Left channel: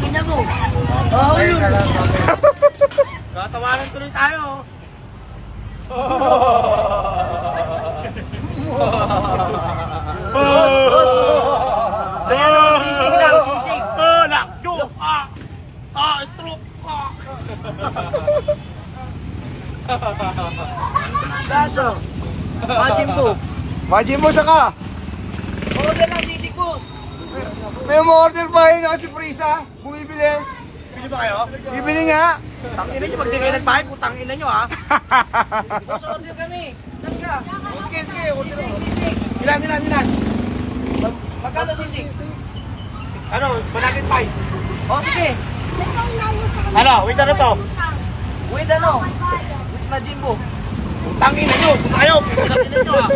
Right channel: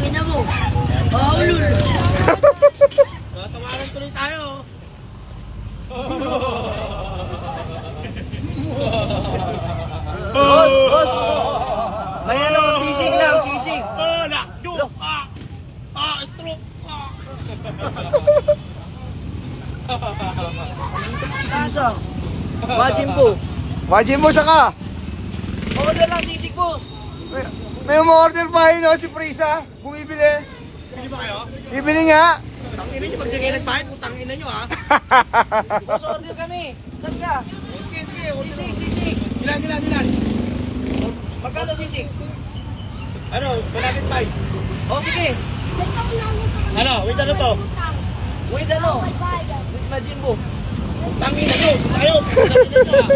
Tingnan mo. Oh, lul. Tatawanan tuloy tayo. Boss, boss. Ayan o, sisig lang, sisig. Lakyo! Stroke! Kaso, Majin po. Majin mo siya ka. Order lang sisig, boss. Tayo mo order pa yun si Prisa. Bumibili. Bili ba kayo? Bibili nga. Tangina nyo, pag di kayo nagbayad, putangina nyo ha. Boss, order kami. Saan ka? Okay, order mo. Sisig. Ilan? Magkano sisig? Ano, malagit pa. Oh, sige. Ano, wait ano to? Wait, ano? With Majin po. Tangina nyo, tayo, putangina nyo ha.